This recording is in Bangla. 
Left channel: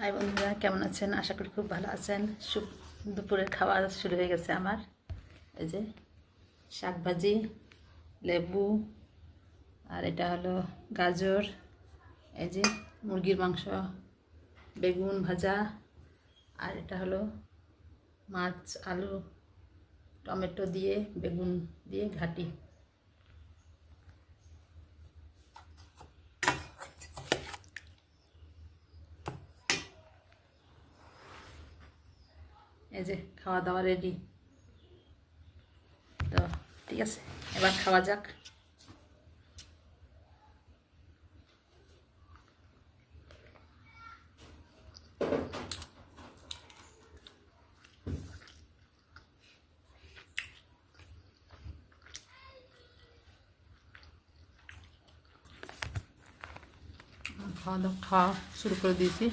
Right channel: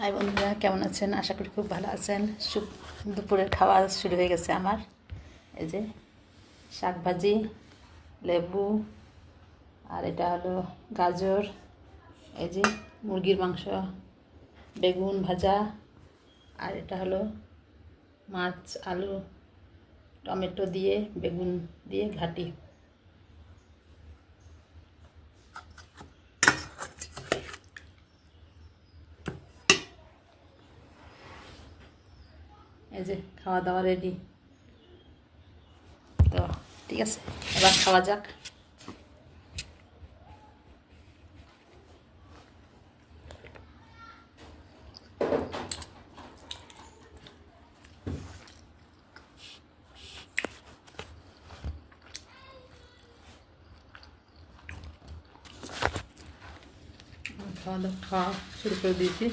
হাই বন্ধুরা, কেমন আছেন? আশা করি খুব ভালো আছেন। দুপুরের খাওয়া শুরু হয়ে গেছে আমার। এই যে শাক ভাজি, লেবু, আর এটা হলো গাজর, এই যে মুরগির মাংস, বেগুন ভাজা, আর এটা হলো মাছ, আলু, টমেটো দিয়ে বেগুন দিয়ে ঘাটি। এই যে খাওয়া দাওয়া রেডি। তো ঠিক আছে, এবার খাওয়া যাক। খাওয়া শুরু করে দিয়েছি।